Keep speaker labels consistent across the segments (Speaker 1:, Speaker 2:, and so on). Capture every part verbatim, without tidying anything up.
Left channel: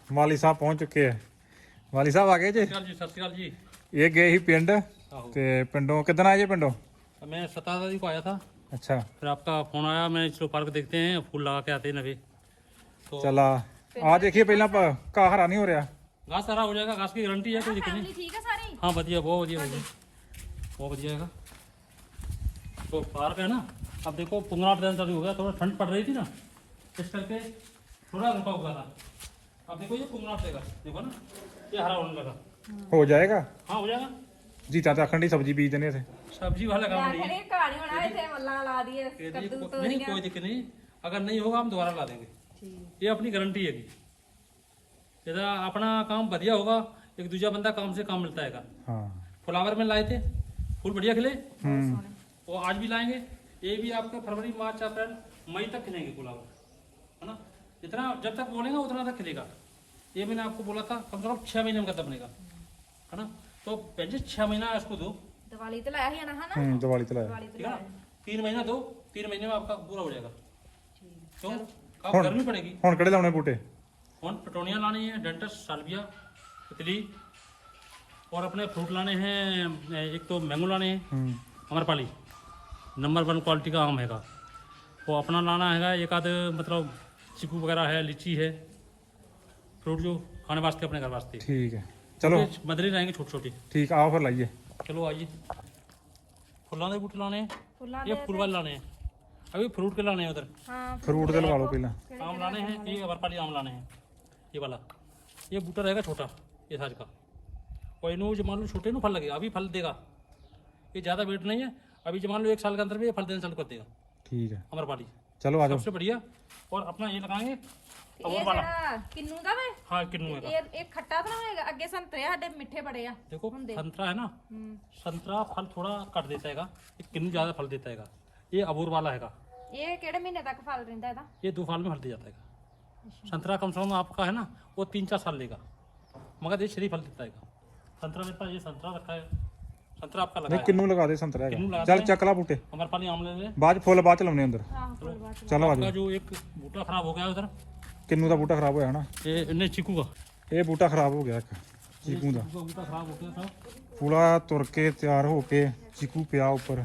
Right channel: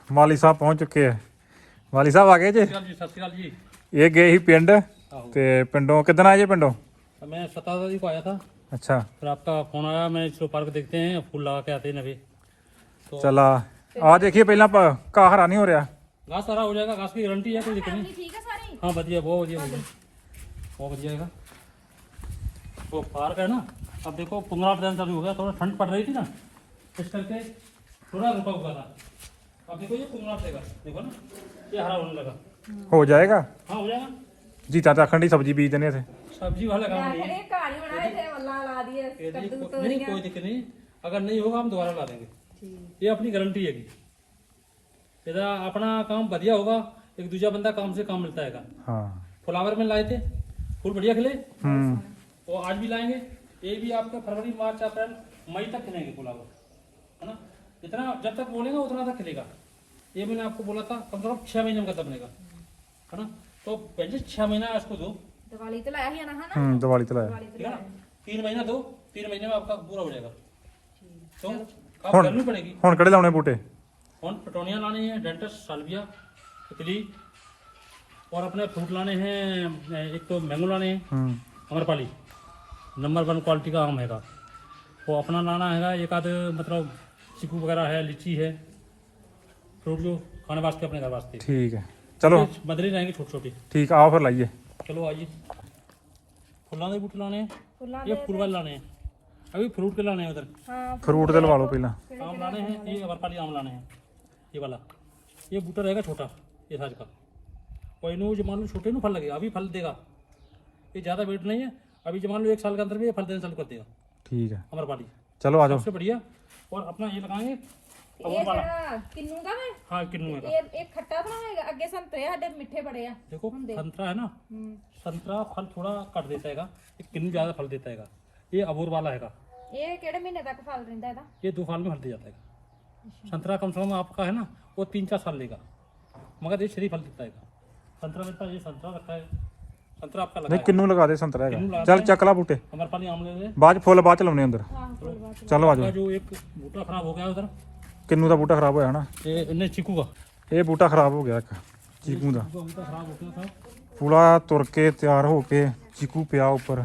Speaker 1: ਮਾਲੀ ਸਾਹਿਬ ਪਹੁੰਚ ਚੁੱਕੇ ਆ। ਮਾਲੀ ਸਾਹਿਬ ਆ ਗਏ ਜੀ।
Speaker 2: ਸਤਿ ਸ਼੍ਰੀ ਅਕਾਲ ਜੀ।
Speaker 1: ਇਹ ਗਏ ਸੀ ਪਿੰਡ ਤੇ ਪਿੰਡੋਂ ਕਿੱਦਣ आए जी पिंडों?
Speaker 2: मैं सत्रह तारीख को आया था।
Speaker 1: अच्छा,
Speaker 2: फिर आपका फोन आया, मैं इसको पार्क देखते हैं फूल लगा के आते हैं नवे तो
Speaker 1: चला आ देखिए पहला घाह हरा नहीं हो रहा।
Speaker 2: घास सारा हो जाएगा, घास की गारंटी है, कोई दिक्कत नहीं।
Speaker 3: ठीक है सारी।
Speaker 2: हाँ बढ़िया, बहुत बढ़िया बहुत बढ़िया है। तो पार्क है ना, अब देखो पंद्रह दिन चालू हो गया, थोड़ा ठंड पड़ रही थी ना, इस करके थोड़ा रुका हुआ था। अब देखो ये पंद्रह देगा, देखो ना ये हरा होने लगा।
Speaker 1: हो जाएगा।
Speaker 2: हाँ हो जाएगा।
Speaker 1: जीता तो अखंड सब्जी बीज देने थे।
Speaker 2: सब्जी वाला काम नहीं है,
Speaker 3: ये कहानी बनाए थे वल्ला ला दिए
Speaker 2: ये नहीं,
Speaker 3: कद्दू
Speaker 2: को,
Speaker 3: तो
Speaker 2: नहीं कोई दिक्कत नहीं, अगर नहीं होगा हम दोबारा ला देंगे, ये अपनी गारंटी है। यदा अपना काम बढ़िया होगा, एक दूसरा बंदा काम से काम मिलता है।
Speaker 1: हाँ,
Speaker 2: फ्लावर में लाए थे, फूल बढ़िया खिले,
Speaker 1: हम्म,
Speaker 2: वो आज भी लाएंगे। ये भी आपके फरवरी मार्च अप्रैल मई तक खिलेंगे फ्लावर, है ना। जितना जब तक बोलेगा उतना तक खिलेगा। ये मैंने आपको बोला था कम से कम छह महीने में खत्म बनेगा, है ना। तो पहले छह महीना इसको दो,
Speaker 3: दिवाली तो लाया है ना, है ना।
Speaker 1: हम्म, दिवाली तो लाया।
Speaker 3: दिवाली तो
Speaker 2: ठीक है
Speaker 3: लाया
Speaker 2: ना। तीन महीना दो, तीन महीने में आपका पूरा हो जाएगा। तो आप
Speaker 1: हुन-
Speaker 2: करनी पड़ेगी।
Speaker 1: हुन किहड़े लाने बूटे?
Speaker 2: और पटोनिया लानी है, डेंटस, सालविया, तितली, और अपने फ्रूट लाने हैं। एक तो मैंगो लाने हैं,
Speaker 1: हम्म,
Speaker 2: अमरपाली नंबर वन क्वालिटी का आम हैगा, वो अपना लाना हैगा। एक आध मतलब चीकू वगैरह है, लीची है, फ्रूट जो खाने वास्ते अपने घर वास्ते।
Speaker 1: ठीक है, चलो
Speaker 2: मदरी रहेंगे छोटे छोटे।
Speaker 1: ठीक, आओ फिर लाइए।
Speaker 2: चलो आइए। फुल्लां के बूटे लाने हैं,
Speaker 3: फुल्लां
Speaker 2: ये
Speaker 3: दे
Speaker 2: फूल वाले लाने हैं, अभी फ्रूट के लाने हैं उधर।
Speaker 3: हाँ
Speaker 1: फ्रूट दे लवा लो पहला।
Speaker 2: आम लाने हैं, ये अमरपाली आम लाने हैं, ये वाला। ये बूटा रहेगा छोटा, ये साइज का, और इन्हों जो मान लो छोटे नु फल लगेगा, अभी फल देगा। ये ज़्यादा वेट नहीं है, अभी जो मान लो एक साल के अंदर में ये फल देना चालू कर देगा
Speaker 1: ठीक है,
Speaker 2: अमरपाली,
Speaker 1: चलो आ जाओ।
Speaker 2: सबसे बढ़िया। और अपना ये लगाएंगे
Speaker 3: ਇਹ
Speaker 2: अमूल वाला।
Speaker 3: ਜਿਹੜਾ ਕਿੰਨੂ ਦਾ ਵੇ
Speaker 2: हाँ किन्नू है।
Speaker 3: ਇਹ ਇਹ ਖੱਟਾ ਤਾਂ ਹੋਏਗਾ, ਅੱਗੇ ਸੰਤਰੇ ਸਾਡੇ ਮਿੱਠੇ ਬੜੇ ਆ।
Speaker 2: देखो
Speaker 3: ਹੁੰਦੇ।
Speaker 2: संतरा है ना,
Speaker 3: ਹੂੰ
Speaker 2: संतरा फल थोड़ा कट देता है, ये किन्नू ज़्यादा फल देता है। ये अबोर वाला है,
Speaker 3: ਇਹ ਕਿਹੜੇ महीने तक फल ਰਹਿੰਦਾ ਇਹਦਾ?
Speaker 2: ये दो साल में फल दे जाता है। संतरा कम से कम आपका है ना, वो तीन चार साल लेगा, मगर ये शरीर फल देता है। संतरा मेरे पास ये संतरा रखा है, संतरा आपका लगा
Speaker 1: नहीं
Speaker 2: है।
Speaker 1: किन्नू लगा दे संतरा
Speaker 2: किन्नू
Speaker 1: है।
Speaker 2: लगा
Speaker 1: चल
Speaker 2: दे।
Speaker 1: चक ला बूटे,
Speaker 2: अमरपाली आम ले ले।
Speaker 1: बाद फुल बाद च लाउने अंदर।
Speaker 3: ਆਹੋ ਫੁੱਲ ਬਾਅਦ ਚ।
Speaker 1: चलो आ
Speaker 2: आपका
Speaker 1: जाओ।
Speaker 2: जो एक बूटा खराब हो गया है उधर,
Speaker 1: किन्नू का बूटा खराब होया ना,
Speaker 2: ये नहीं चीकू का,
Speaker 1: ये बूटा खराब हो गया एक चीकू का।
Speaker 2: चीकू का बूटा खराब हो गया था।
Speaker 1: पूरा तुर के तैयार हो के चीकू पिया ऊपर,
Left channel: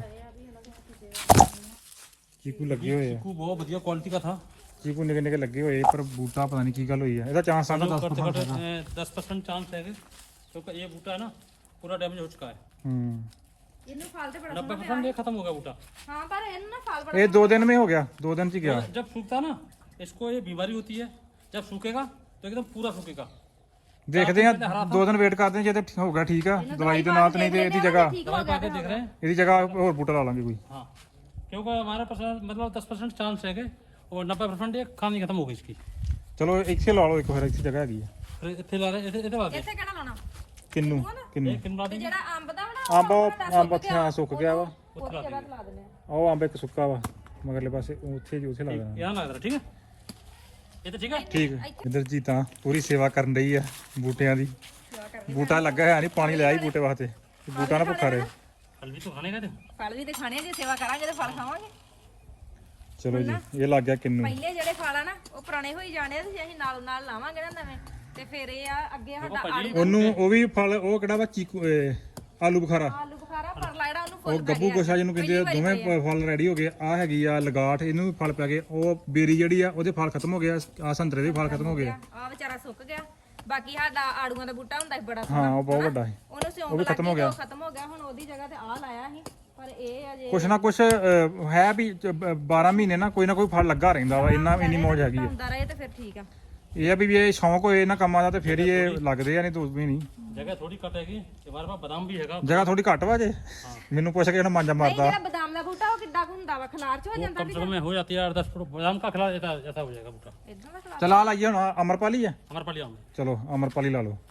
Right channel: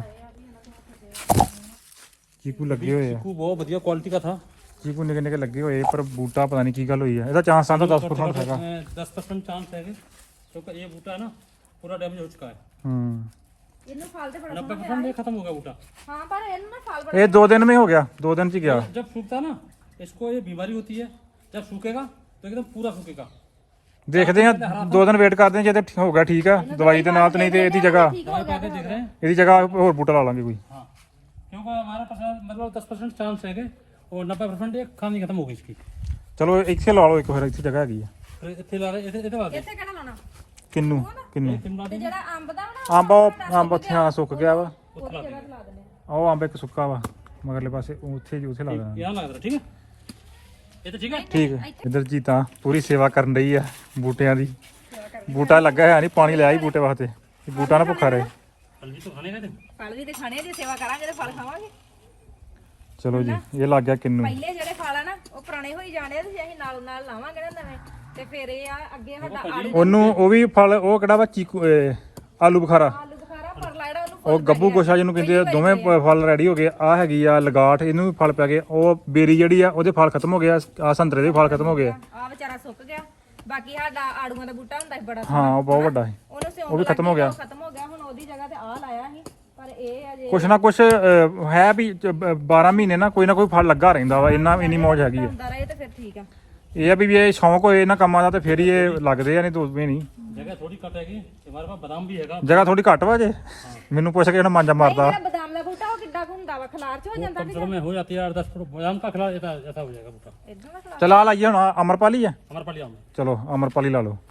Speaker 1: चीकू लगे हुए हैं।
Speaker 2: चीकू बहुत बढ़िया क्वालिटी का था।
Speaker 1: चीकू निके निके लगे हुए पर बूटा पता नहीं की गल हुई है। ਇਹਦਾ ਚਾਂਸ ਆਂਦਾ दस परसेंट ਹੈਗਾ।
Speaker 2: दस परसेंट चांस है, क्योंकि ये बूटा है ना पूरा डैमेज हो चुका है।
Speaker 1: हम्म,
Speaker 3: ਇਹਨੂੰ फल ਤੇ बड़ा
Speaker 2: नब्बे
Speaker 3: ਸੋਹਣਾ
Speaker 2: परसेंट ये खत्म हो गया बूटा।
Speaker 3: हाँ पर ਇਹਨੂੰ ਨਾ फल बड़ा
Speaker 1: ये दो दिन में हो गया, दो दिन च गया।
Speaker 2: जब सूखता ना, इसको ये बीमारी होती है, जब सूखेगा तो एकदम पूरा सूखेगा।
Speaker 1: ਦੇਖਦੇ ਆ ਦੋ ਦਿਨ ਵੇਟ ਕਰਦੇ ਆ, ਜੇ ਤੇ ਹੋ ਗਿਆ ਠੀਕ ਆ ਦਵਾਈ ਦੇ ਨਾਲ, ਤੇ ਨਹੀਂ ਤੇ ਇਹਦੀ ਜਗ੍ਹਾ
Speaker 3: ठीक हो गया
Speaker 2: देख रहे हैं।
Speaker 1: ਇਹਦੀ ਜਗ੍ਹਾ ਹੋਰ ਬੂਟਾ ਲਾ ਲਾਂਗੇ ਕੋਈ।
Speaker 2: हाँ, क्योंकि हमारा परसेंट मतलब दस परसेंट चांस है, और नब्बे परसेंट ये खानी खत्म हो गई इसकी।
Speaker 1: ਚਲੋ ਇੱਥੇ ਲਾ ਲਓ ਇੱਕ, ਫਿਰ ਇੱਥੇ ਜਗ੍ਹਾ ਹੈਗੀ ਆ।
Speaker 2: फिर इतने ला रहे, इतने ला दे।
Speaker 3: ਇੱਥੇ ਕਿਹੜਾ ਲਾਣਾ?
Speaker 1: ਕਿੰਨੂ ਕਿੰਨੂ
Speaker 2: ये कितना
Speaker 3: ਤੇ
Speaker 2: देंगे?
Speaker 3: ਜਿਹੜਾ ਅੰਬ ਦਾ ਵਾ ਨਾ,
Speaker 1: ਅੰਬ ਉਹ ਅੰਬ ਉੱਥੇ ਆ ਸੁੱਕ ਗਿਆ ਵਾ।
Speaker 3: ਉਹਦੀ ਜਗ੍ਹਾ ਤੇ ਲਾ ਦਿੰਦੇ ਆ।
Speaker 1: ਉਹ ਅੰਬ ਇੱਕ ਸੁੱਕਾ ਵਾ ਮਗਰਲੇ ਪਾਸੇ, ਉੱਥੇ ਜੀ ਉੱਥੇ ਲਾ ਦੇਣਾ।
Speaker 2: यहाँ लग रहा है, ठीक है, ये तो ठीक है।
Speaker 1: ਠੀਕ ਹੈ, ਇਧਰ ਜੀ ਤਾਂ ਪੂਰੀ ਸੇਵਾ ਕਰਨ ਰਹੀ ਆ ਬੂਟਿਆਂ ਦੀ। ਬੂਟਾ ਲੱਗਾ ਹੈ ਨਹੀਂ, ਪਾਣੀ ਲਿਆ ਹੀ ਬੂਟੇ ਵਾਸਤੇ, ਬੂਟਾ ਨਾ ਭੁੱਖਾ ਰਹੇ।
Speaker 2: फल भी तो खाने का थे।
Speaker 3: ਫਲ ਵੀ ਤੇ ਖਾਣੇ ਆ, ਜੇ ਸੇਵਾ ਕਰਾਂਗੇ ਤੇ ਫਲ ਖਾਵਾਂਗੇ।
Speaker 1: ਚਲੋ ਜੀ, ਇਹ ਲੱਗ ਗਿਆ ਕਿੰਨੂ।
Speaker 3: ਪਹਿਲੇ ਜਿਹੜੇ ਫਲ ਆ ਨਾ ਉਹ ਪੁਰਾਣੇ ਹੋਈ ਜਾਣੇ ਆ, ਤੇ ਅਸੀਂ ਨਾਲ ਨਾਲ ਲਾਵਾਂਗੇ ਨਾ ਨਵੇਂ, ਤੇ ਫਿਰ ਇਹ ਆ ਅੱਗੇ ਸਾਡਾ ਆੜੂ
Speaker 1: ਉਹਨੂੰ ਉਹ ਵੀ ਫਲ, ਉਹ ਕਿਹੜਾ ਵਾ ਚੀਕੂ, ਇਹ ਆਲੂ ਬੁਖਾਰਾ,
Speaker 3: ਆਲੂ ਬੁਖਾਰਾ ਪਰਲਾ ਜਿਹੜਾ ਉਹਨੂੰ
Speaker 1: ਉਹ
Speaker 3: ਫੁੱਲ
Speaker 1: ਗੱਬੂ ਗੋਸ਼ਾ ਜਿਹਨੂੰ ਕਹਿੰਦੇ ਆ, ਦੋਵੇਂ ਪ- ਫਲ ਰੈਡੀ ਹੋ ਗਏ। ਆ ਹੈਗੀ ਆ ਲਗਾਠ, ਇਹਨੂੰ ਵੀ ਫਲ ਪੈ ਗਏ। ਉਹ ਬੇਰੀ ਜਿਹੜੀ ਆ ਉਹਦੇ ਫਲ ਖਤਮ ਹੋ ਗਏ, ਆ ਸੰਤਰੇ ਦੇ ਫਲ ਖਤਮ ਹੋ ਗਏ।
Speaker 3: ਆ ਵਿਚਾਰਾ ਸੁੱਕ ਗਿਆ। ਬਾਕੀ ਸਾਡਾ ਆੜੂਆਂ ਦਾ ਬੂਟਾ ਹੁੰਦਾ ਸੀ ਬੜਾ
Speaker 1: ਹਾਂ,
Speaker 3: ਸੋਹਣਾ,
Speaker 1: ਉਹ ਬਹੁਤ ਵੱਡਾ ਹੈ।
Speaker 3: ਉਹਨੂੰ ਸਿਉਂਕ
Speaker 1: ਉਹ ਵੀ ਖਤਮ ਹੋ ਗਿਆ।
Speaker 3: ਖਤਮ ਹੋ ਗਿਆ। ਹੁਣ ਉਹਦੀ ਜਗ੍ਹਾ ਤੇ ਆ ਲਾਇਆ ਸੀ, ਪਰ ਇਹ ਅਜੇ
Speaker 1: ਕੁਛ ਨਾ ਕੁਛ ਅਹ, ਹੈ ਵੀ ਬਾਰਾਂ ਮਹੀਨੇ ਨਾ ਕੋਈ ਨਾ ਕੋਈ ਫਲ ਲੱਗਾ ਰਹਿੰਦਾ ਵਾ। ਇੰਨਾ ਇੰਨੀ ਮੌਜ ਹੈਗੀ ਆ।
Speaker 3: ਹੁੰਦਾ ਰਹੇ ਤੇ ਫਿਰ ਠੀਕ ਆ।
Speaker 1: ਇਹ ਆ ਵੀ ਵੀ ਇਹ ਸ਼ੌਂਕ ਹੋਏ ਇਹਨਾਂ ਕੰਮਾਂ ਦਾ ਤੇ ਫਿਰ ਹੀ ਇਹ ਲੱਗਦੇ ਆ, ਨਹੀਂ ਦੋ ਵੀ ਨਹੀਂ।
Speaker 2: जगह थोड़ी कट हैगी, हमारे पास बादाम भी हैगा।
Speaker 1: ਜਗ੍ਹਾ ਥੋੜੀ ਘੱਟ ਵਾ ਜੇ, ਮੈਨੂੰ ਪੁੱਛ ਕੇ ਇਹਨਾਂ ਮਾਂਜਾ
Speaker 3: ਨਹੀਂ
Speaker 1: ਮਾਰਦਾ।
Speaker 3: ਜਿਹੜਾ ਬਦਾਮ ਦਾ ਬੂਟਾ ਉਹ ਕਿੱਦਾਂ ਕੁ ਹੁੰਦਾ ਵਾ, ਖਲਾਰ ਚ ਹੋ
Speaker 2: वो
Speaker 3: ਜਾਂਦਾ
Speaker 2: कम
Speaker 3: ਕਿ
Speaker 2: से कम में हो जाती है आठ दस फुट बादाम का खिला ऐसा ऐसा हो जाएगा बूटा।
Speaker 3: ਇਦਾਂ ਦਾ ਖਲਾਰ?
Speaker 1: ਚਲ ਆ ਲਾਈਏ ਹੁਣ, ਅਮਰਪਾਲੀ ਆ।
Speaker 2: हमारे पाली आम है।
Speaker 1: ਚਲੋ ਅਮਰਪਾਲੀ ਲਾ ਲਓ।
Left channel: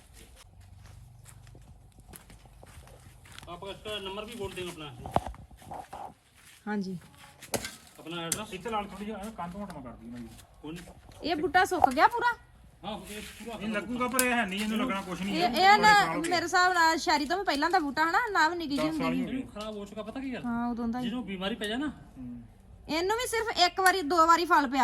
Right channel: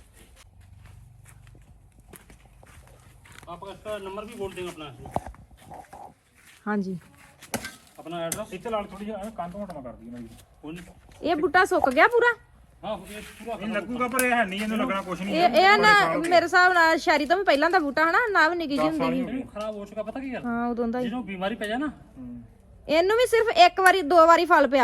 Speaker 2: आप इसका नंबर भी बोल देंगे अपना,
Speaker 3: ਹਾਂਜੀ
Speaker 2: अपना एड्रेस।
Speaker 1: ਇੱਥੇ ਲਾ ਥੋੜੀ ਜਿਹੀ ਕੰਧ ਮੋਟਾ ਕਰਦੀ ਮੈਂ।
Speaker 2: कौन?
Speaker 3: ਇਹ ਬੂਟਾ ਸੁੱਕ ਗਿਆ ਪੂਰਾ।
Speaker 2: हाँ ये पूरा
Speaker 1: ਇਹ ਲੱਗੂਗਾ ਪਰ ਇਹ ਹੈ ਨਹੀਂ, ਇਹਨੂੰ ਲੱਗਣਾ ਕੁਛ ਨਹੀਂ।
Speaker 3: ਇਹ ਇਹ ਨਾ ਮੇਰੇ ਹਿਸਾਬ ਨਾਲ ਸ਼ਾਇਰੀ ਤੋਂ ਵੀ ਪਹਿਲਾਂ ਦਾ ਬੂਟਾ ਹਨਾ, ਨਾ ਵੀ ਨਿੱਕੀ ਜਿਹੀ ਹੁੰਦੀ ਸੀ।
Speaker 2: नहीं, खराब हो चुका, पता क्या गल?
Speaker 3: ਹਾਂ ਉਦੋਂ ਦਾ ਹੀ।
Speaker 2: जिन्हों बीमारी पै जाए ना,
Speaker 3: ਇਹਨੂੰ ਵੀ ਸਿਰਫ ਇੱਕ ਵਾਰੀ ਦੋ ਵਾਰੀ ਫਲ ਪਿਆ,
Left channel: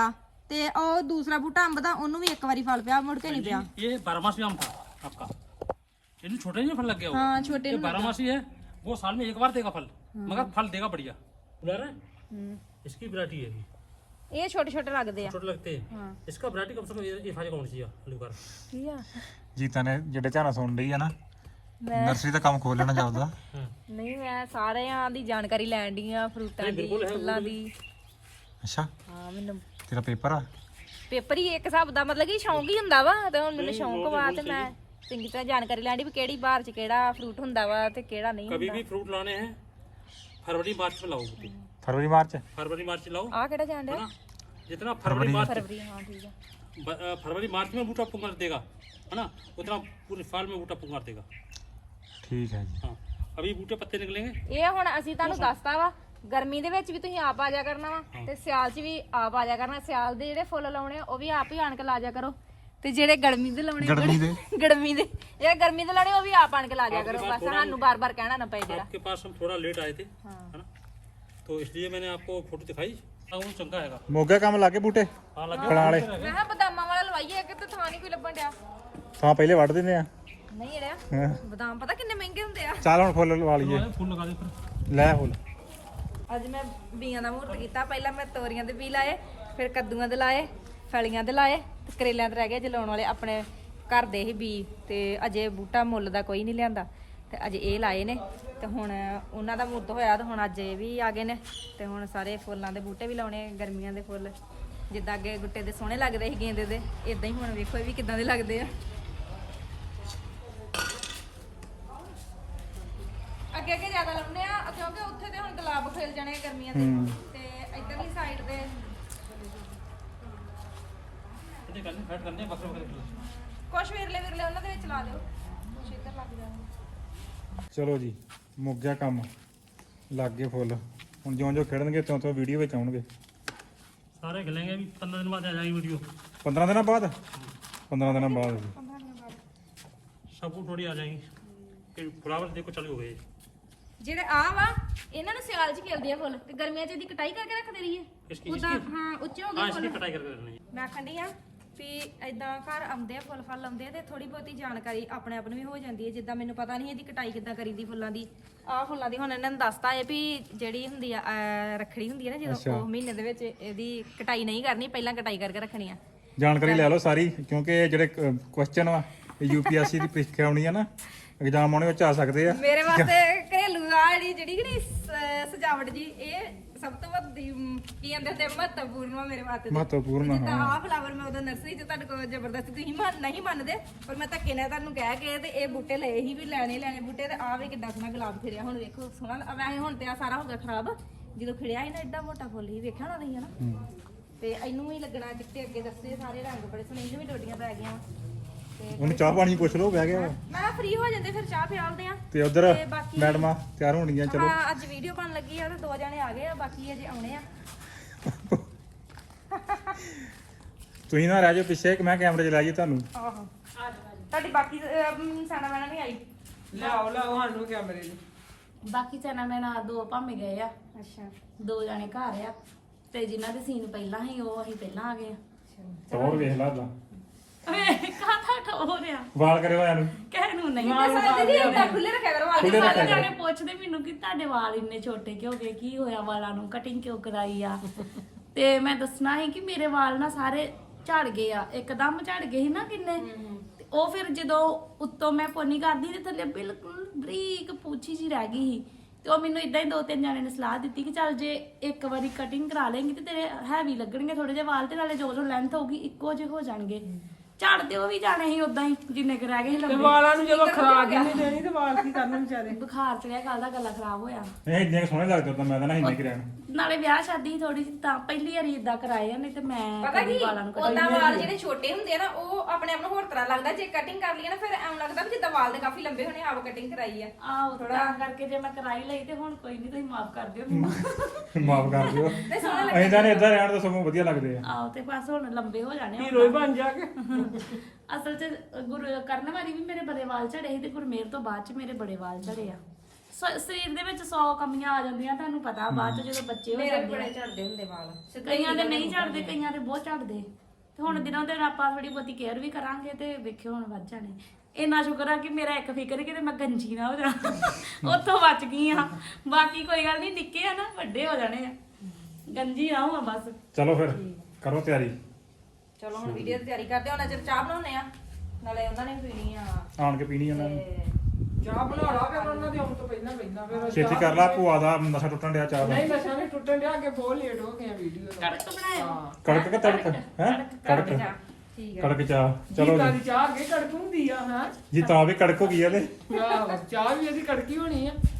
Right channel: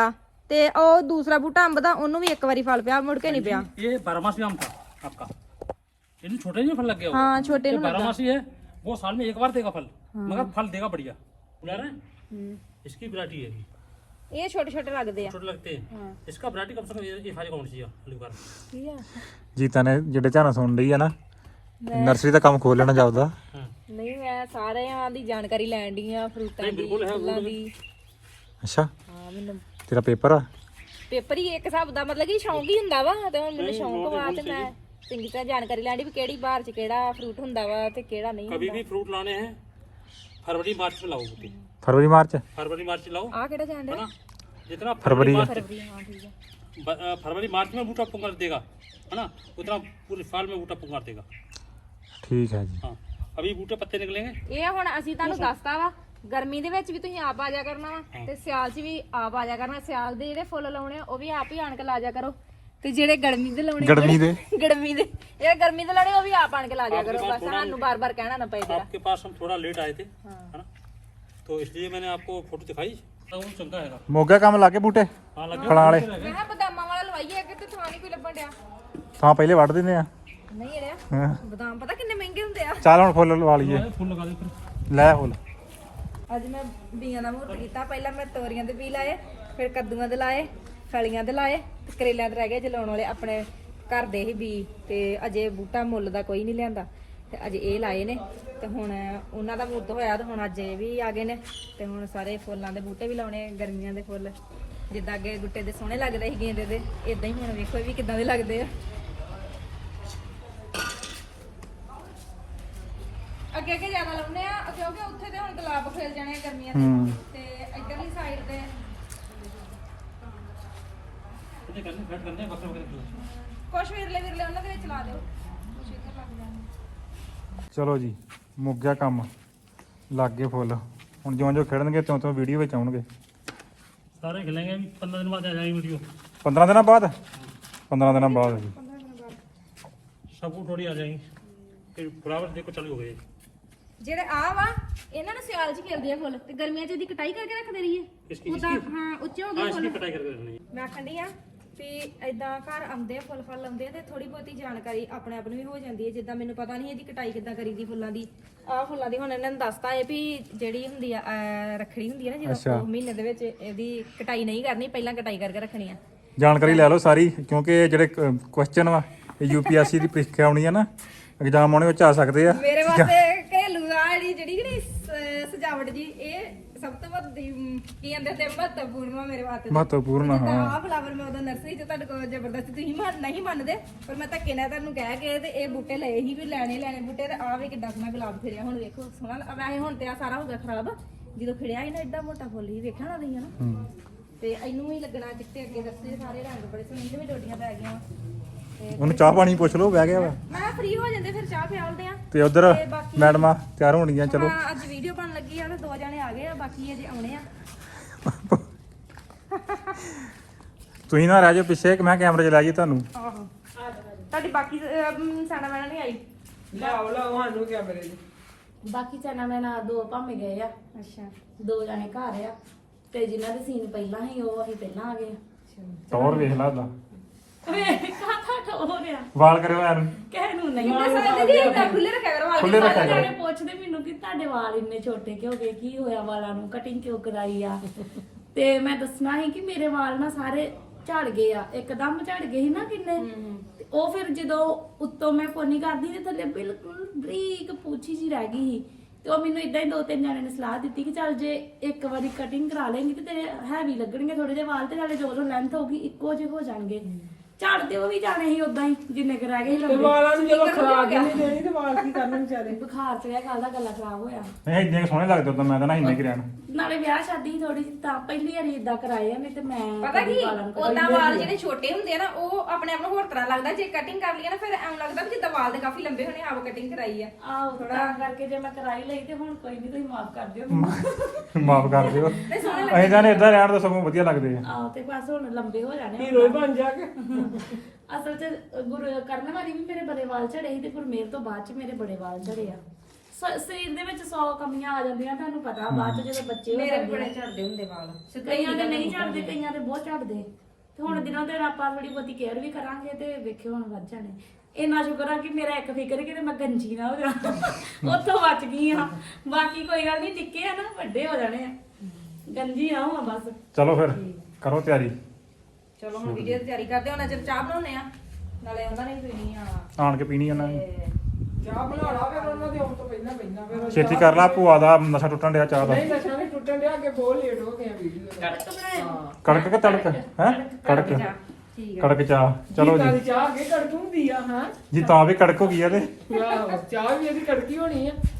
Speaker 3: ਤੇ ਉਹ ਦੂਸਰਾ ਬੂਟਾ ਅੰਬ ਦਾ ਉਹਨੂੰ ਵੀ ਇੱਕ ਵਾਰੀ ਫਲ ਪਿਆ ਮੁੜ ਕੇ ਨਹੀਂ ਪਿਆ
Speaker 2: ये बारहमासी आम था आपका, ये छोटे नहीं फल लग गया
Speaker 3: हाँ छोटे
Speaker 2: ये बारहमासी है, वो साल में एक बार देगा फल, मगर फल देगा बढ़िया। बुला रहे हैं इसकी वैरायटी है,
Speaker 3: ਇਹ ਛੋਟੇ ਛੋਟੇ ਲੱਗਦੇ ਆ
Speaker 2: छोटे लगते हैं।
Speaker 3: हाँ
Speaker 2: इसका वैरायटी कम से कम ये साइज कौन सी है लिवर।
Speaker 3: ਠੀਕ ਆ
Speaker 1: ਜੀਤਾ ਨੇ ਜਿਹੜੇ ਝਾਨਾ ਸੁਣ ਲਈ ਆ ਨਾ, ਨਰਸਰੀ ਦਾ ਕੰਮ ਖੋਲ ਲੈਣਾ ਜਾਪਦਾ।
Speaker 3: ਨਹੀਂ ਮੈਂ ਸਾਰਿਆਂ ਦੀ ਜਾਣਕਾਰੀ ਲੈਣ ਦੀ ਆ ਫਰੂਟਾਂ ਦੀ ਫੁੱਲਾਂ ਦੀ।
Speaker 1: ਅੱਛਾ
Speaker 3: ਹਾਂ ਮੈਨੂੰ
Speaker 1: ਤੇਰਾ ਪੇਪਰ ਆ?
Speaker 3: ਪੇਪਰ ਹੀ ਇੱਕ ਹਿਸਾਬ ਦਾ ਮਤਲਬ ਕਿ ਸ਼ੌਂਕ ਹੀ ਹੁੰਦਾ ਵਾ, ਤੇ ਹੁਣ ਮੈਨੂੰ ਸ਼ੌਂਕ ਵਾ ਤੇ ਮੈਂ ਚੰਗੀ ਤਰ੍ਹਾਂ ਜਾਣਕਾਰੀ ਲੈਣੀ ਵੀ ਕਿਹੜੀ ਬਾਰ ਚ ਕਿਹੜਾ ਫਰੂਟ ਹੁੰਦਾ ਵਾ ਤੇ ਕਿਹੜਾ ਨਹੀਂ
Speaker 2: कभी
Speaker 3: ਹੁੰਦਾ।
Speaker 2: भी फ्रूट लाने हैं फरवरी मार्च में लाओ बूटे,
Speaker 1: ਫਰਵਰੀ ਮਾਰਚ?
Speaker 2: फरवरी मार्च में लाओ
Speaker 3: ਆ ਕਿਹੜਾ ਜਾਣ
Speaker 2: है
Speaker 3: ਡਿਆ?
Speaker 2: ना, जितना
Speaker 1: फरवरी।
Speaker 2: फरवरी मार्च
Speaker 3: ਫਰਵਰੀ ਹਾਂ ਠੀਕ ਆ।
Speaker 2: ब- अ, फरवरी मार्च में बूटा पुंगार देगा है ना, उतना पूरे साल में बूटा पुंगार देगा।
Speaker 1: ਠੀਕ ਹੈ ਜੀ।
Speaker 2: हाँ अभी बूटे पत्ते निकलेंगे,
Speaker 3: ਇਹ ਹੁਣ ਅਸੀਂ ਤੁਹਾਨੂੰ ਦੱਸਤਾ ਵਾ, ਗਰਮੀ ਦੇ ਵਿੱਚ ਵੀ ਤੁਸੀਂ ਆਪ ਆ ਜਾ ਕਰਨਾ ਵਾ ਤੇ ਸਿਆਲ 'ਚ ਵੀ ਆਪ ਆ ਜਾ ਕਰਨਾ। ਸਿਆਲ ਦੇ ਜਿਹੜੇ ਫੁੱਲ ਲਾਉਣੇ ਆ ਉਹ ਵੀ ਆਪ ਹੀ ਆਣ ਕੇ ਲਾ ਜਾ ਕਰੋ, ਤੇ ਜਿਹੜੇ ਗਰਮੀ ਦੇ ਲਾਉਣੇ
Speaker 1: ਗਰਮੀ ਦੇ
Speaker 3: ਗਰਮੀ ਦੇ ਜਿਹੜੇ ਗਰਮੀ ਦੇ ਲਾਉਣੇ ਉਹ ਵੀ ਆਪ ਆਣ ਕੇ ਲਾ ਜਾ ਕਰੋ, ਬਸ ਸਾਨੂੰ ਬਾਰ-ਬਾਰ ਕਹਿਣਾ ਨਾ ਪਏ ਜਰਾ।
Speaker 2: आपके पास हम थोड़ा लेट आए थे
Speaker 3: हाँ।
Speaker 2: है ना, तो इसलिए मैंने आपको फोटो दिखाई। तो वो चलता है
Speaker 1: ਮੋਗਾ ਕੰਮ ਲਾ ਕੇ ਬੂਟੇ
Speaker 2: हाँ लग
Speaker 1: ਫਲਾਂ ਵਾਲੇ
Speaker 3: ਮੈਂ ਕਿਹਾ ਬਦਾਮਾਂ ਵਾਲਾ ਲਵਾਈਏ ਕਿ ਤੇ ਥਾਂ ਨਹੀਂ ਕੋਈ ਲੱਭਣ ਡਿਆ।
Speaker 1: ਥਾਂ ਪਹਿਲੇ ਵੱਢ ਦਿੰਦੇ ਆ।
Speaker 3: ਨਹੀਂ ਜਿਹੜਿਆ
Speaker 1: ਹਾਂ।
Speaker 3: ਬਦਾਮ ਪਤਾ ਕਿੰਨੇ ਮਹਿੰਗੇ ਹੁੰਦੇ ਆ।
Speaker 1: ਚੱਲ ਹੁਣ ਫੁੱਲ ਲਵਾ ਲਈਏ।
Speaker 2: फूल लगा दे फिर।
Speaker 1: ਲੈ ਫੁੱਲ।
Speaker 3: ਅੱਜ ਮੈਂ ਬੀਆਂ ਦਾ ਮਹੂਰਤ ਕੀਤਾ। ਪਹਿਲਾਂ ਮੈਂ ਤੋਰੀਆਂ ਦੇ ਬੀ ਲਾਏ, ਫਿਰ ਕੱਦੂਆਂ ਦੇ ਲਾਏ, ਫਲੀਆਂ ਦੇ ਲਾਏ ਤੇ ਕਰੇਲਿਆਂ ਦੇ ਰਹਿ ਗਏ ਜਲਾਉਣ ਵਾਲੇ ਆਪਣੇ ਘਰ ਦੇ ਹੀ ਬੀ। ਤੇ ਅਜੇ ਬੂਟਾ ਮੁੱਲ ਦਾ ਕੋਈ ਨਹੀਂ ਲਿਆਂਦਾ ਤੇ ਅਜੇ ਇਹ ਲਾਏ ਨੇ, ਤੇ ਹੁਣ ਉਹਨਾਂ ਦਾ ਮੁੱਦ ਹੋਇਆ ਤੇ ਹੁਣ ਅੱਜ ਇਹ ਵੀ ਆ ਗਏ ਨੇ। ਤੇ ਹੁਣ ਸਾਰੇ ਫੁੱਲਾਂ ਦੇ ਬੂਟੇ ਵੀ ਲਾਉਣੇ, ਗਰਮੀਆਂ ਦੇ ਫੁੱਲ ਜਿੱਦਾਂ ਅੱਗੇ ਗੁੱਟੇ ਦੇ ਸੋਹਣੇ ਲੱਗਦੇ ਸੀ ਗੇਂਦੇ ਦੇ, ਇਦਾਂ ਹੀ ਹੁਣ ਵੇਖੋ ਇਹ ਵੀ ਕਿੱਦਾਂ ਦੇ ਲੱਗਦੇ ਆ। ਅੱਗੇ ਅੱਗੇ ਜ਼ਿਆਦਾ ਲਾਉਨੇ ਆ ਕਿਉਂਕਿ ਉੱਥੇ ਤੇ ਹੁਣ ਗੁਲਾਬ ਖਿਲ ਜਾਣੇ ਆ ਗਰਮੀਆਂ ਦੇ, ਤੇ ਇੱਧਰਲੀ ਸਾਈਡ ਤੇ
Speaker 2: पत्ते करने फैट करने हैं, बक्से वगैरह।
Speaker 3: ਕੁਛ ਵਿਰਲੇ ਵਿਰਲੇ ਉਹਨਾਂ ਦੇ ਵਿੱਚ ਲਾ ਦਿਓ, ਕੁਛ ਇੱਧਰ ਲੱਗ ਜਾਣਗੇ।
Speaker 1: ਚਲੋ ਜੀ ਮੁੱਕ ਗਿਆ ਕੰਮ, ਲੱਗ ਗਏ ਫੁੱਲ। ਹੁਣ ਜਿਉਂ ਜਿਉਂ ਖਿੜਨਗੇ ਤਿਉਂ ਤਿਉਂ ਵੀਡੀਓ ਵਿੱਚ ਆਉਣਗੇ।
Speaker 2: सारे खिलेंगे अभी पंद्रह दिन बाद आ जाएगी वीडियो।
Speaker 1: ਪੰਦਰਾਂ ਦਿਨਾਂ ਬਾਅਦ? ਪੰਦਰਾਂ ਦਿਨਾਂ ਬਾਅਦ ਜੀ।
Speaker 2: सब फूल थोड़ी आ जाएंगी, फिर बराबर देखो चालू हो गए।
Speaker 3: ਜਿਹੜੇ ਆ ਵਾ ਇਹਨਾਂ ਨੂੰ ਸਿਆਲ 'ਚ ਖਿਲਦੇ ਆ ਫੁੱਲ, ਤੇ ਗਰਮੀਆਂ 'ਚ ਇਹਦੀ ਕਟਾਈ ਕਰਕੇ ਰੱਖਦੇ ਰਹੀਏ।
Speaker 2: इसकी
Speaker 3: ਉਦਾਂ
Speaker 2: इसकी
Speaker 3: ਹਾਂ ਉੱਚੇ ਹੋ
Speaker 2: हाँ
Speaker 3: ਗਏ
Speaker 2: इसकी
Speaker 3: ਫੁੱਲ।
Speaker 2: कटाई करके रखनी है।
Speaker 3: ਮੈਂ ਆਖਣ ਡਈ ਆ ਵੀ ਏਦਾਂ ਘਰ ਆਉਂਦੇ ਆ ਫੁੱਲ ਫਲ ਲਾਉਂਦੇ ਆ ਤੇ ਥੋੜੀ ਬਹੁਤੀ ਜਾਣਕਾਰੀ ਆਪਣੇ ਆਪ ਨੂੰ ਵੀ ਹੋ ਜਾਂਦੀ ਹੈ। ਜਿੱਦਾਂ ਮੈਨੂੰ ਪਤਾ ਨਹੀਂ ਇਹਦੀ ਕਟਾਈ ਕਿੱਦਾਂ ਕਰੀਦੀ ਫੁੱਲਾਂ ਦੀ। ਆਹ ਫੁੱਲਾਂ ਦੀ ਹੁਣ ਇਹਨਾਂ ਨੇ ਦੱਸਤਾ ਹੈ ਵੀ ਜਿਹੜੀ ਹੁੰਦੀ ਆ ਅਹ ਰੱਖੜੀ ਹੁੰਦੀ ਹੈ ਨਾ ਜਦੋਂ, ਉਹ ਮਹੀਨੇ ਦੇ ਵਿੱਚ ਇਹਦੀ ਕਟਾਈ ਨਹੀਂ ਕਰਨੀ, ਪਹਿਲਾਂ ਕਟਾਈ ਕਰਕੇ ਰੱਖਣੀ ਆ।
Speaker 1: ਜਾਣਕਾਰੀ ਲੈ ਲਓ ਸਾਰੀ, ਕਿਉਂਕਿ ਇਹ ਜਿਹੜੇ ਕੁਐਸਚਨ ਵਾ ਇਹ ਯੂਪੀਐਸਸੀ ਦੀ ਪ੍ਰੀਖਿਆ ਆਉਣੀ ਆ ਨਾ, ਐਗਜ਼ਾਮ ਆਉਣੇ ਵਿੱਚ ਆ ਸਕਦੇ ਆ।
Speaker 3: ਮੇਰੇ ਵਾਸਤੇ ਘਰੇਲੂ ਆ ਜਿਹੜੀ ਜਿਹੜੀ ਕਿ ਨਹੀਂ ਸ- ਸਜਾਵਟ ਜੀ, ਇਹ ਸਭ ਤੋਂ ਵੱਡੀ ਮ, ਕੀ ਕਹਿੰਦੇ ਹੁੰਦੇ ਆ, ਮਹੱਤਵਪੂਰਨ ਵਾ ਮੇਰੇ ਵਾਸਤੇ।
Speaker 1: ਮਹੱਤਵਪੂਰਨ
Speaker 3: ਜਿੱਦਾਂ
Speaker 1: ਹਾਂ।
Speaker 3: ਆਹ ਫਲਾਵਰ ਮੈਂ ਉਦੋਂ ਨਰਸਰੀ 'ਚ ਤੁਹਾਡੇ ਕੋਲ ਜ਼ਬਰਦਸਤੀ ਤੁਸੀਂ ਮੰਨ ਨਹੀਂ ਮੰਨਦੇ, ਪਰ ਮੈਂ ਧੱਕੇ ਨਾਲ ਤੁਹਾਨੂੰ ਕਹਿ ਕੇ ਤੇ ਇਹ ਬੂਟੇ ਲਏ ਹੀ ਵੀ ਲੈਣੇ ਲੈਣੇ ਬੂਟੇ। ਤੇ ਆਹ ਵੀ ਕਿੱਦਾਂ ਸੋਹਣਾ ਗੁਲਾਬ ਖਿੜਿਆ, ਹੁਣ ਵੇਖੋ ਸੋਹਣਾ। ਵੈਸੇ ਹੁਣ ਤੇ ਆ ਸਾਰਾ ਹੋ ਗਿਆ ਖਰਾਬ, ਜਦੋਂ ਖਿੜਿਆ ਸੀ ਨਾ ਏਡਾ ਮੋਟਾ ਫੁੱਲ ਹੀ ਵੇਖਿਆ ਨਾ ਤੁਸੀਂ ਹਨਾ।
Speaker 1: ਹੂੰ।
Speaker 3: ਤੇ ਇਹਨੂੰ ਵੀ ਲੱਗਣਾ ਚਿੱਟੇ, ਅੱਗੇ ਦੱਸੇ ਸਾਰੇ ਰੰਗ ਬੜੇ ਸੋਹਣੇ, ਇਹਨੂੰ ਵੀ ਡੋਡੀਆਂ ਪੈ ਗਈਆਂ ਵਾ। ਤੇ
Speaker 1: ਉਹਨੂੰ ਚਾਹ ਪਾਣੀ ਪੁੱਛ ਲਓ, ਬਹਿ ਗਿਆ ਵਾ।
Speaker 3: ਮੈਂ ਫ੍ਰੀ ਹੋ ਜਾਂਦੇ ਫਿਰ ਚਾਹ ਪਿਆਲਦੇ ਆ।
Speaker 1: ਤੇ ਉਧਰ
Speaker 3: ਤੇ ਬਾਕੀ-
Speaker 1: ਮੈਡਮਾਂ ਤਿਆਰ ਹੋਣਗੀਆਂ। ਚਲੋ
Speaker 3: ਹਾਂ ਅੱਜ ਵੀਡੀਓ ਬਣ ਲੱਗੀ ਆ ਤੇ ਦੋ ਜਣੇ ਆ ਗਏ ਆ, ਬਾਕੀ ਅਜੇ ਆਉਣੇ ਆ।
Speaker 1: ਤੁਸੀਂ ਨਾ ਰਹਿ ਜਾਓ ਪਿੱਛੇ ਕਿ ਮੈਂ ਕੈਮਰੇ 'ਚ ਲੈ ਜੀ ਤੁਹਾਨੂੰ।
Speaker 3: ਆਹੋ ਤੁਹਾਡੀ ਬਾਕੀ ਸਾਡਾ ਮੈਨਾਂ ਨਹੀਂ ਆਈ।
Speaker 4: ਲਾਓ ਲਾਓ ਸਾਨੂੰ ਕੈਮਰੇ ਨੂੰ।
Speaker 5: ਬਾਕੀ ਚਨਾ ਮੈਂ ਨਾ ਦੋ ਭਾਵੇਂ ਗਏ ਆ,
Speaker 3: ਅੱਛਾ
Speaker 5: ਦੋ ਜਣੇ ਘਰ ਆ, ਤੇ ਜਿਨ੍ਹਾਂ ਦੇ ਸੀਨ ਪਹਿਲਾਂ ਸੀ ਉਹ ਅਸੀਂ ਪਹਿਲਾਂ ਆ ਗਏ।
Speaker 1: ਹੋਰ ਵੇਖ ਲਾ ਉਹਦਾ
Speaker 5: ਕਾਥਾ ਠੋ ਰਿਆ
Speaker 1: ਵਾਲ ਕਰਿਓ ਯਾਰ।
Speaker 5: ਕਹਿ ਨੂੰ ਨਹੀਂ
Speaker 3: ਦੀਦੀ ਇਦਾਂ ਖੁੱਲੇ ਰੱਖਿਆ ਕਰੋ ਵਾਲ।
Speaker 1: ਖੁੱਲੇ ਰੱਖਿਆ
Speaker 5: ਸਾਰੇ
Speaker 1: ਕਰੋ।
Speaker 5: ਜਣੇ ਪੁੱਛਦੇ ਮੈਨੂੰ ਕਿ ਤੁਹਾਡੇ ਵਾਲ ਇੰਨੇ ਛੋਟੇ ਕਿਉਂ ਗਏ, ਕੀ ਹੋਇਆ ਵਾਲਾਂ ਨੂੰ, ਕਟਿੰਗ ਕਿਉਂ ਕਰਾਈ ਆ। ਤੇ ਮੈਂ ਦੱਸਣਾ ਸੀ ਕਿ ਮੇਰੇ ਵਾਲ ਨਾ ਸਾਰੇ ਝੜ ਗਏ ਆ, ਇੱਕਦਮ ਝੜ ਗਏ ਸੀ ਨਾ ਕਿੰਨੇ। ਤੇ ਉਹ ਫਿਰ ਜਦੋਂ ਉੱਤੋਂ ਮੈਂ ਪੋਨੀ ਕਰਦੀ ਤੇ ਥੱਲੇ ਬਿਲਕੁਲ ਬਰੀਕ ਪੂਛੀ ਜੀ ਰਹਿ ਗਈ ਸੀ। ਤੇ ਉਹ ਮੈਨੂੰ ਇਦਾਂ ਹੀ ਦੋ ਤਿੰਨ ਜਣੇ ਨੇ ਸਲਾਹ ਦਿੱਤੀ ਕਿ ਚੱਲ ਜੇ ਇੱਕ ਵਾਰੀ ਕਟਿੰਗ ਕਰਾ ਲੇਂਗੀ ਤੇ ਤੇਰੇ ਹੈਵੀ ਲੱਗਣਗੇ ਥੋੜੇ ਜਿਹੇ ਵਾਲ, ਤੇ ਨਾਲੇ ਜੋ ਜੋ ਲੈਂਥ ਹੋਊਗੀ ਇੱਕੋ ਜਿਹੇ ਹੋ ਜਾਣਗੇ। ਝੜਦੇ ਉਹ ਵੀ ਜਾਣੇ ਸੀ ਉਦਾਂ ਹੀ ਜਿੰਨੇ ਕੁ ਰਹਿ ਗਏ ਸੀ
Speaker 4: ਤੇ
Speaker 5: ਲੰਬੇ।
Speaker 4: ਵਾਲਾਂ ਨੂੰ ਜਦੋਂ ਖਰਾਕ ਹੀ ਨਹੀਂ ਦੇਣੀ ਤੇ ਵਾਲ ਕੀ ਕਰਨ ਵਿਚਾਰੇ।
Speaker 5: ਬੁਖਾਰ ਚੜਿਆ, ਕੱਲ ਦਾ ਗਲਾ ਖਰਾਬ ਹੋਇਆ।
Speaker 1: ਨਹੀਂ ਇੰਨੇ ਸੋਹਣੇ ਲੱਗਦੇ ਤਾਂ ਮੈਂ ਤਾਂ ਨਹੀਂ ਇੰਨੇ ਕਰਿਆ।
Speaker 5: ਨਾਲੇ ਵਿਆਹ ਸ਼ਾਦੀ ਥੋੜੀ ਜਿਹੀ ਤਾਂ ਪਹਿਲੀ ਵਾਰੀ ਇਦਾਂ ਕਰਾਏ ਆ, ਨਹੀਂ ਤੇ ਮੈਂ
Speaker 3: ਪਤਾ
Speaker 5: ਕਦੀ
Speaker 3: ਕੀ
Speaker 5: ਵਾਲਾਂ ਨੂੰ
Speaker 3: ਉਹਦਾ
Speaker 5: ਕਟਿੰਗ
Speaker 3: ਵਾਲ ਜਿਹੜੇ ਛੋਟੇ ਹੁੰਦੇ ਆ ਨਾ ਉਹ ਆਪਣੇ ਆਪ ਨੂੰ ਹੋਰ ਤਰ੍ਹਾਂ ਲੱਗਦਾ। ਜੇ ਕਟਿੰਗ ਕਰ ਲਈ ਨਾ ਫਿਰ ਐਂ ਲੱਗਦਾ ਵੀ ਜਿੱਦਾਂ ਵਾਲ ਦੇ ਕਾਫੀ ਲੰਬੇ ਹੋਣੇ, ਆਪ ਕਟਿੰਗ ਕਰਾਈ ਆ।
Speaker 5: ਆਹੋ ਤਾਂ ਕਰਕੇ ਜੇ ਮੈਂ ਕਰਾਈ ਲਈ ਤੇ ਹੁਣ ਕੋਈ ਨਹੀਂ, ਤੁਸੀਂ ਮਾਫ ਕਰ ਦਿਓ ਮੈਨੂੰ।
Speaker 1: ਮਾਫ ਕਰ ਦਿਓ।
Speaker 3: ਤੇ ਸੋਹਣੇ
Speaker 1: ਐਦਾਂ ਨੇ ਇਦਾਂ ਰਹਿਣ ਦਾ ਸਗੋਂ ਵਧੀਆ ਲੱਗਦੇ ਆ।
Speaker 5: ਆਹੋ ਤੇ ਬਸ ਹੁਣ ਲੰਬੇ ਹੋ ਜਾਣੇ
Speaker 4: ਹੀਰੋ ਹੀ ਬਣ ਜਾ ਕੇ।
Speaker 5: ਅਸਲ ਚ ਗੁਰ ਕਰਨ ਵਾਲੀ ਵੀ ਮੇਰੇ ਬੜੇ ਵਾਲ ਝੜੇ ਸੀ ਤੇ ਗੁਰਮੇਲ ਤੋਂ ਬਾਅਦ ਚ ਮੇਰੇ ਬੜੇ ਵਾਲ ਝੜੇ ਆ। ਸ- ਸਰੀਰ ਦੇ ਵਿੱਚ ਸੌ ਕਮੀਆਂ ਆ ਜਾਂਦੀਆਂ ਤੁਹਾਨੂੰ ਪਤਾ ਬਾਅਦ ਚ ਜਦੋਂ ਬੱਚੇ ਹੋ
Speaker 3: ਮੇਰੇ
Speaker 5: ਜਾਂਦੇ
Speaker 3: ਬੜੇ
Speaker 5: ਆ।
Speaker 3: ਝੜਦੇ ਹੁੰਦੇ ਵਾਲ
Speaker 5: ਕਈਆਂ ਦੇ ਨਹੀਂ ਝੜਦੇ ਕਈਆਂ ਦੇ ਬਹੁਤ ਝੜਦੇ ਤੇ ਹੁਣ ਦਿਨੋਂ ਦਿਨ ਆਪਾਂ ਥੋੜੀ ਬਹੁਤੀ ਕੇਅਰ ਵੀ ਕਰਾਂਗੇ ਤੇ ਵੇਖਿਓ ਹੁਣ ਵੱਧ ਜਾਣੇ। ਇੰਨਾ ਸ਼ੁਕਰ ਆ ਕਿ ਮੇਰਾ ਇੱਕ ਫਿਕਰ ਕਿ ਮੈਂ ਗੰਜੀ ਨਾ ਹੋ ਜਾਵਾਂ ਉੱਥੋਂ ਬਚ ਗਈ ਆ। ਬਾਕੀ ਕੋਈ ਗੱਲ ਨਹੀਂ, ਨਿੱਕੇ ਆ ਨਾ ਵੱਡੇ ਹੋ ਜਾਣੇ ਆ, ਗੰਜੀ ਨਾ ਹੋਵਾਂ ਬਸ।
Speaker 1: ਚਲੋ ਫਿਰ ਕਰੋ ਤਿਆਰੀ,
Speaker 3: ਚਲੋ ਹੁਣ ਵੀਡੀਓ ਦੀ ਤਿਆਰੀ ਕਰਦੇ ਹਾਂ, ਚਿਰ ਚਾਹ ਬਣਾਉਣੇ ਆ, ਨਾਲੇ ਉਹਨਾਂ ਨੇ ਵੀ ਪੀਣੀ ਆ
Speaker 1: ਆਣ ਕੇ ਪੀਣੀ ਉਹਨਾਂ ਨੇ।
Speaker 3: ਤੇ
Speaker 4: ਚਾਹ ਬਣਾ ਲਾ ਫਿਰ ਉਹਨਾਂ ਦੇ ਆਉਣ ਤੋਂ ਪਹਿਲਾਂ ਪਹਿਲਾਂ ਫਿਰ
Speaker 1: ਛੇਤੀ ਕਰ ਲਾ, ਭੂਆ ਦਾ ਨਸ਼ਾ ਟੁੱਟਣ ਡਿਆ ਚਾਹ ਦਾ।
Speaker 4: ਨਹੀਂ ਨਸ਼ਾ ਨਹੀਂ ਟੁੱਟਣ ਡਿਆ, ਅੱਗੇ ਬਹੁਤ ਲੇਟ ਹੋ ਗਏ ਆ ਵੀਡੀਓ ਦਾ।
Speaker 5: ਕੜਕ ਬਣਾਇਆ
Speaker 4: ਹਾਂ
Speaker 1: ਕੜਕ ਕੇ ਤੜਕ ਹੈ ਕੜਕ
Speaker 3: ਚਾਹ ਠੀਕ ਹੈ।
Speaker 1: ਕੜਕ ਚਾਹ। ਚਲੋ
Speaker 4: ਚਲੋ
Speaker 1: ਜੀ
Speaker 4: ਜੀ ਚਾਹ ਅੱਗੇ ਕੜਕ ਹੁੰਦੀ ਆ ਹਾਂ
Speaker 1: ਜੀ ਤਾਂ ਵੀ ਕੜਕ ਹੋ ਗਈ ਆ ਤੇ
Speaker 4: ਆਹੋ ਚਾਹ ਵੀ ਇਹਦੀ ਕੜਕੀ ਹੋਣੀ ਆ।